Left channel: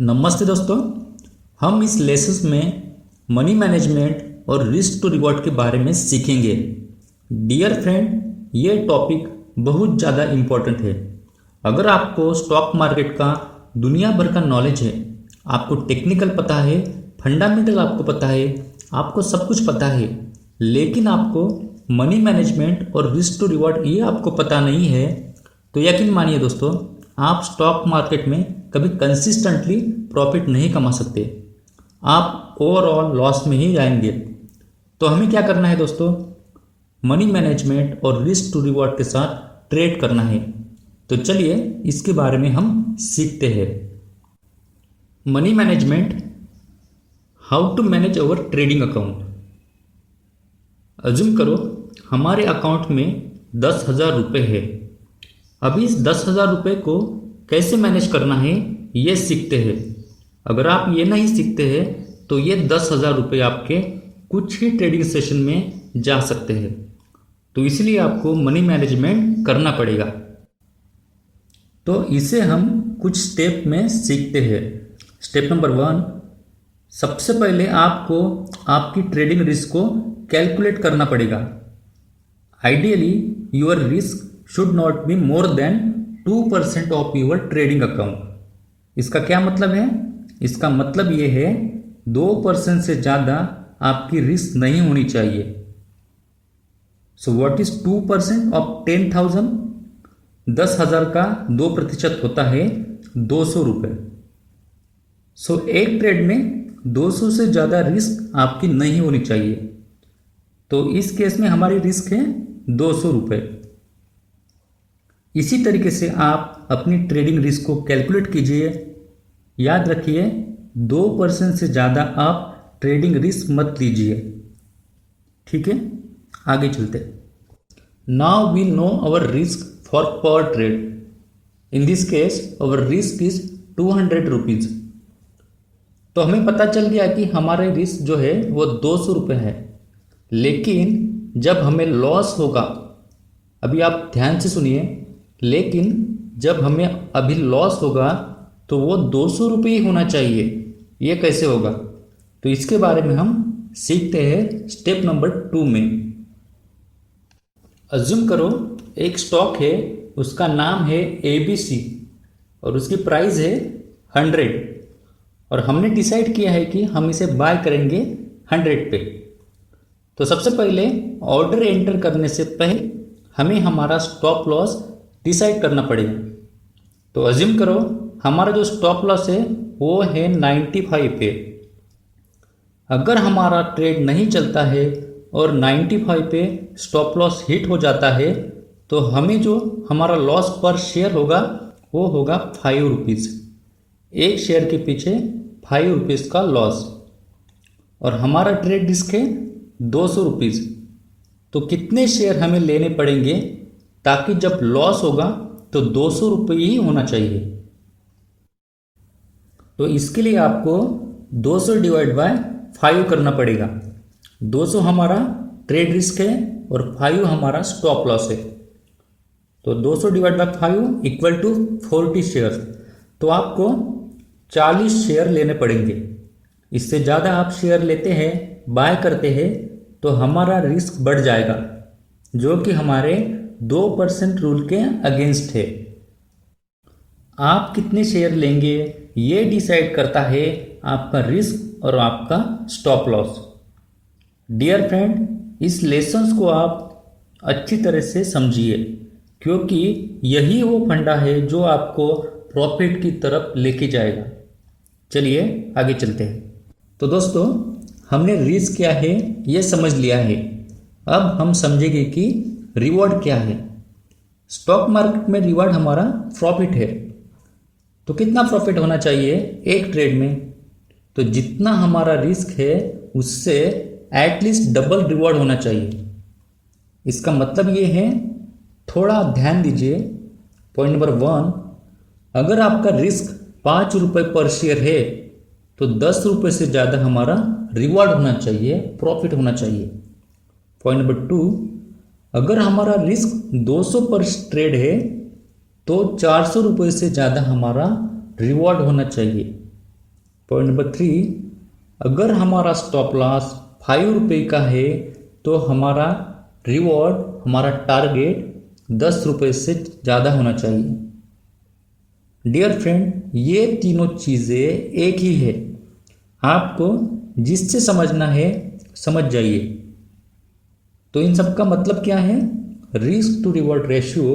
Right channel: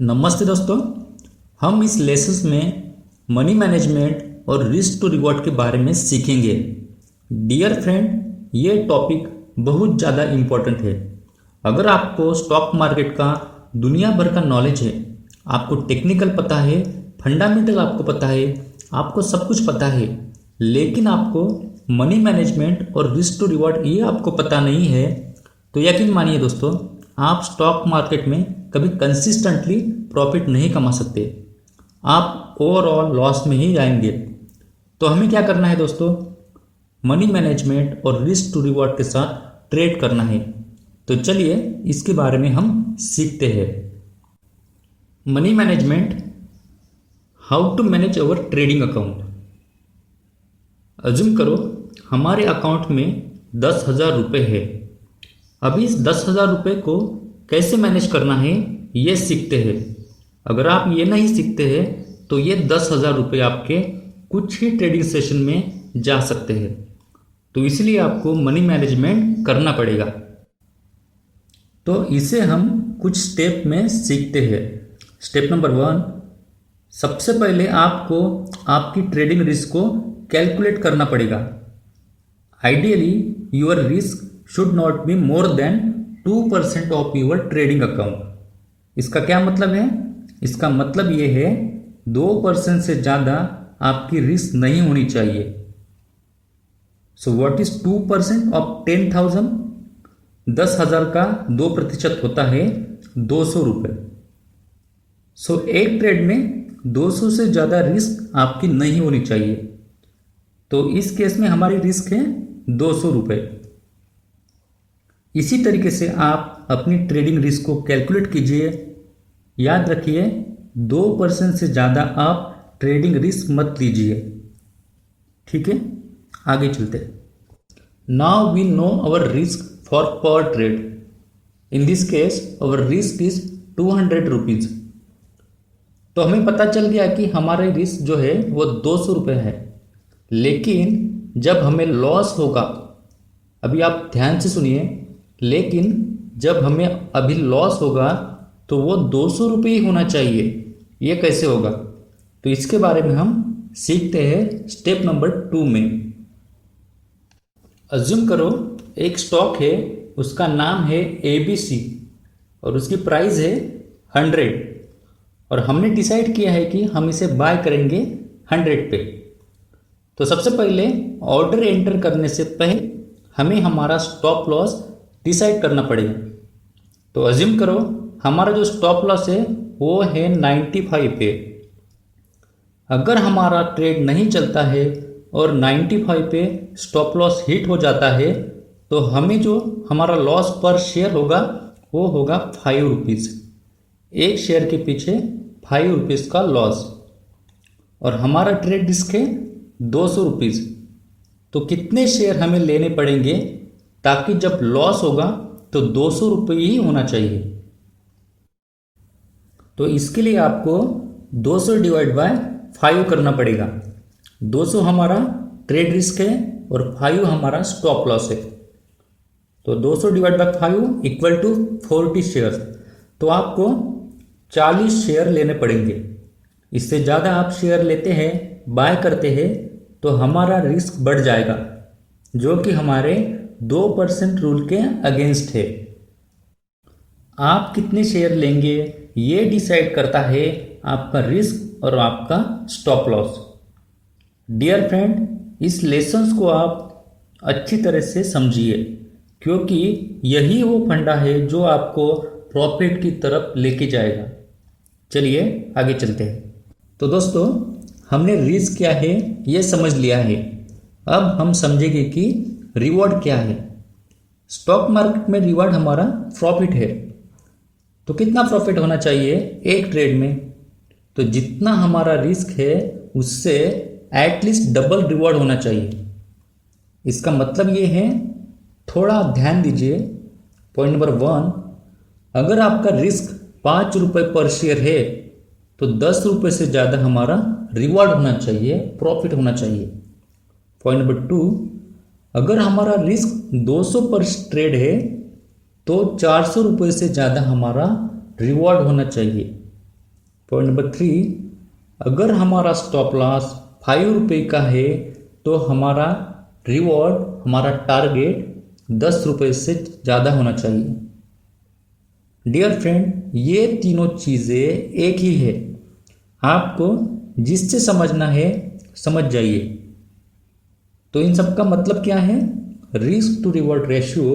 नमस्ते दोस्तों। हम इस लेसन में मनी मैनेजमेंट और रिस्क टू रिवॉर्ड के बारे में सीखेंगे। डियर फ्रेंड, ये टॉपिक बहुत ज़्यादा इम्पोर्टेंट है। अगर आपको स्टॉक मार्केट का दुनिया भर का नॉलेज है, आपको टेक्निकल पता है, फंडामेंटल आपको पता है, आपको सब कुछ पता है, लेकिन आपको मनी मैनेजमेंट और रिस्क टू रिवॉर्ड ये आपको पता नहीं है, तो यकीन मानिए दोस्तों, आप स्टॉक मार्केट में कभी कंसिस्टेंटली प्रॉफिट नहीं कमा सकते। आप ओवरऑल लॉस में ही जाएंगे। तो हमें क्या करना है दोस्तों? मनी मैनेजमेंट और रिस्क टू रिवॉर्ड के साथ ट्रेड करना है। तो चलिए इसके बारे में हम सीखते हैं। Money management, how to manage our trading account. Assume करो हमारे अकाउंट में 10,000 रुपये है। अभी इस 10,000 रुपये को कैसे मैनेज करना है ये सीखते हैं। अगर आप ये नहीं सीखते हैं तो ये 10,000 रुपये आपके कुछ ही ट्रेडिंग सेशन में जा सकते हैं। तो इसलिए आपको मनी मैनेजमेंट करना पड़ेगा। तो इसे हम कुछ स्टेप में सीखते हैं। स्टेप नंबर 1, सबसे पहले आपको आपकी ट्रेडिंग रिस्क को कैलकुलेट करना पड़ेगा। Ideally your risk should not be more than 2% of your trading account. इसका क्या मतलब है? इसका मतलब ये है 2% से ज़्यादा आपकी रिस्क नहीं होनी चाहिए। So what is 2% of 10,000? 10,000 का 2% होता है 200 रुपये। सो एक ट्रेड में 200 से ज़्यादा रिस्क आपकी नहीं होनी चाहिए। तो इस केस में हमारी रिस्क है 200 रुपये। इसी तरीके से आप अपनी ट्रेडिंग रिस्क को कैलकुलेट कीजिए। याद रखिए 2% से ज़्यादा आप ट्रेडिंग रिस्क मत लीजिए। ठीक है, आगे चलते हैं। Now we know our risk for per trade. In this case our risk is 200 rupees. तो हमें पता चल गया कि हमारे रिस्क जो है वो 200 रुपये है। लेकिन जब हमें लॉस होगा, अभी आप ध्यान से सुनिए, लेकिन जब हमें अभी लॉस होगा तो वो 200 रुपये ही होना चाहिए। ये कैसे होगा? तो इसके बारे में हम सीखते हैं स्टेप नंबर 2 में। अज्यूम करो एक स्टॉक है, उसका नाम है ABC और उसकी प्राइस है 100 और हमने डिसाइड किया है कि हम इसे बाय करेंगे 100 पे। तो सबसे पहले ऑर्डर एंटर करने से पहले हमें हमारा स्टॉप लॉस डिसाइड करना पड़ेगा। तो अज्यूम करो हमारा जो स्टॉप लॉस है वो है 95 पे। अगर हमारा ट्रेड नहीं चलता है और 95 पे स्टॉप लॉस हिट हो जाता है तो हमें जो हमारा लॉस पर शेयर होगा वो होगा 5 रुपीज़। एक शेयर के पीछे 5 रुपीज़ का लॉस। और हमारा ट्रेड रिस्क है 200 रुपीज़। तो कितने शेयर हमें लेने पड़ेंगे ताकि जब लॉस होगा तो 200 रुपये ही होना चाहिए? तो इसके लिए आपको 200 डिवाइड बाय 5 करना पड़ेगा। 200 हमारा ट्रेड रिस्क है और 5 हमारा स्टॉप लॉस है। तो 200 divide by 5 equal to 40 share. तो आपको 40 शेयर लेने पड़ेंगे। इससे ज़्यादा आप शेयर लेते हैं, बाय करते हैं, तो हमारा रिस्क बढ़ जाएगा, जो कि हमारे 2% रूल के अगेंस्ट है। आप कितने शेयर लेंगे ये डिसाइड करता है आपका रिस्क और आपका स्टॉप लॉस। डियर फ्रेंड, इस लेसन्स को आप अच्छी तरह से समझिए, क्योंकि यही वो फंडा है जो आपको प्रॉफिट की तरफ लेके जाएगा। चलिए आगे चलते हैं। तो दोस्तों, हमने रिस्क क्या है ये समझ लिया है। अब हम समझेंगे कि रिवॉर्ड क्या है। स्टॉक मार्केट में रिवॉर्ड हमारा प्रॉफिट है। तो कितना प्रॉफिट होना चाहिए एक ट्रेड में? तो जितना हमारा रिस्क है उससे एटलीस्ट डबल रिवॉर्ड होना चाहिए। इसका मतलब ये है, थोड़ा ध्यान दीजिए। पॉइंट नंबर 1, अगर आपका रिस्क 5 रुपये पर शेयर है तो 10 रुपये से ज़्यादा हमारा रिवॉर्ड होना चाहिए, प्रॉफिट होना चाहिए। पॉइंट नंबर 2, अगर हमारा रिस्क 200 पर ट्रेड है तो 400 रुपये से ज़्यादा हमारा रिवॉर्ड होना चाहिए। पॉइंट नंबर 3, अगर हमारा स्टॉप लॉस 5 रुपये का है तो हमारा रिवॉर्ड, हमारा टारगेट 10 रुपये से ज़्यादा होना चाहिए। डियर फ्रेंड, ये तीनों चीज़ें एक ही है, आपको जिससे समझना है समझ जाइए। तो इन सब का मतलब क्या है? रिस्क टू रिवॉर्ड रेशियो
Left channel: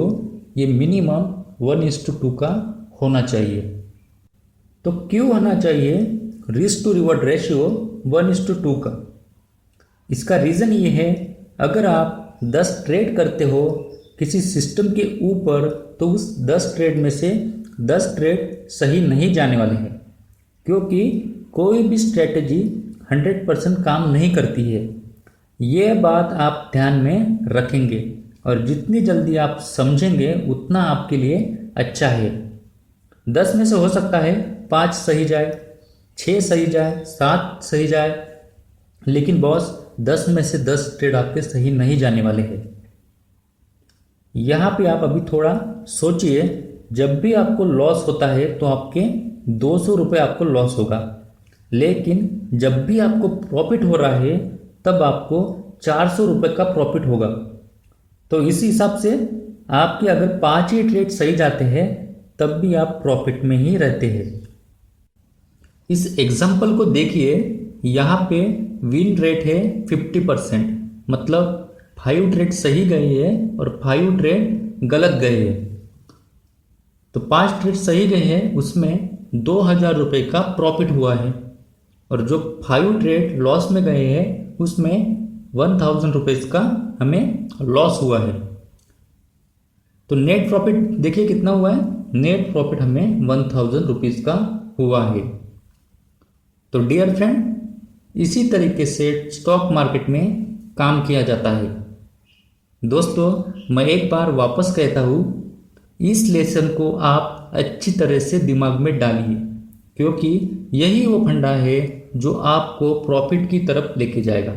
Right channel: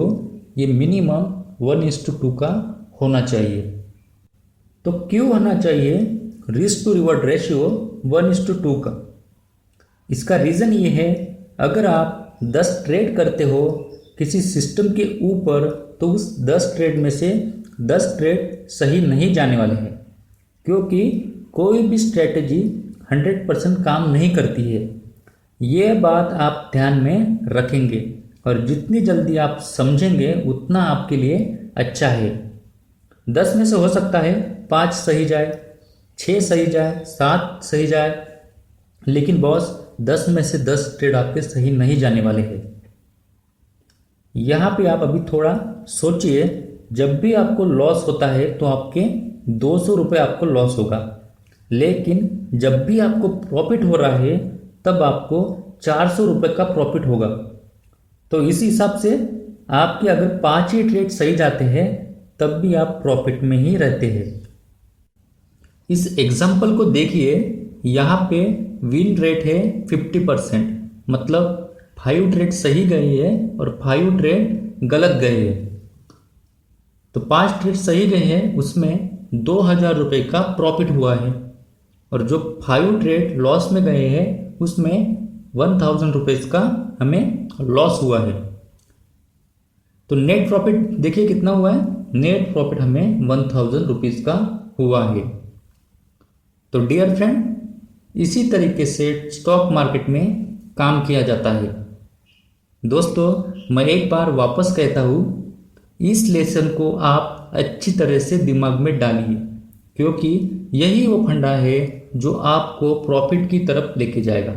ये मिनिमम 1:2 का होना चाहिए। तो क्यों होना चाहिए रिस्क टू रिवॉर्ड रेशियो 1:2 का? इसका रीज़न ये है, अगर आप 10 ट्रेड करते हो किसी सिस्टम के ऊपर तो उस 10 ट्रेड में से 10 ट्रेड सही नहीं जाने वाले हैं, क्योंकि कोई भी स्ट्रेटजी 100% काम नहीं करती है। ये बात आप ध्यान में रखेंगे और जितनी जल्दी आप समझेंगे उतना आपके लिए अच्छा है। 10 में से हो सकता है 5 सही जाए, 6 सही जाए, 7 सही जाए, लेकिन बॉस 10 में से 10 ट्रेड आपके सही नहीं जाने वाले हैं। यहाँ पे आप अभी थोड़ा सोचिए, जब भी आपको लॉस होता है तो आपके 200 रुपये आपको लॉस होगा, लेकिन जब भी आपको प्रॉफिट हो रहा है तब आपको 400 रुपये का प्रॉफिट होगा। तो इस हिसाब से आपके अगर 5 ही ट्रेड सही जाते हैं तब भी आप प्रॉफिट में ही रहते हैं। इस एग्जाम्पल को देखिए, यहाँ पे विन रेट है 50%, मतलब 5 ट्रेड सही गए हैं और 5 ट्रेड गलत गए हैं। तो 5 ट्रेड सही गए हैं उसमें 2000 रुपये का प्रॉफिट हुआ है, और जो 5 ट्रेड लॉस में गए हैं उसमें 1000 रुपये का हमें लॉस हुआ है। तो नेट प्रॉफिट देखिए कितना हुआ है, नेट प्रॉफिट हमें 1000 रुपीज़ का हुआ है। तो डियर फ्रेंड, इसी तरीके से स्टॉक मार्केट में काम किया जाता है। दोस्तों, मैं एक बार वापस कहता हूँ, इस लेसन को आप अच्छी तरह से दिमाग में डालिए, क्योंकि यही वो फंडा है जो आपको प्रॉफिट की तरफ लेके जाएगा।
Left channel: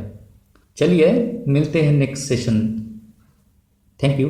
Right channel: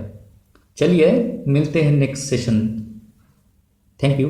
चलिए मिलते हैं नेक्स्ट सेशन। Thank you.